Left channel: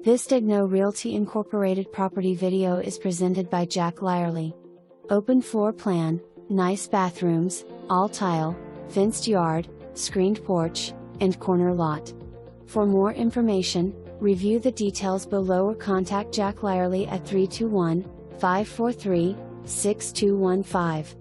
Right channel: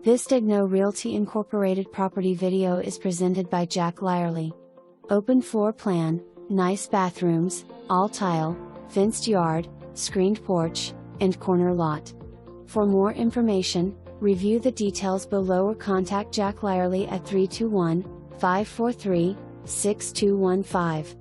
This Daignault Realty Incorporated property video is presented by Jack Lyerly. Open floor plan, nice bathrooms, all tile, fenced yard, screened porch, and corner lot. For more information, review the details below or contact Jack Lyerly at 321-543-6215.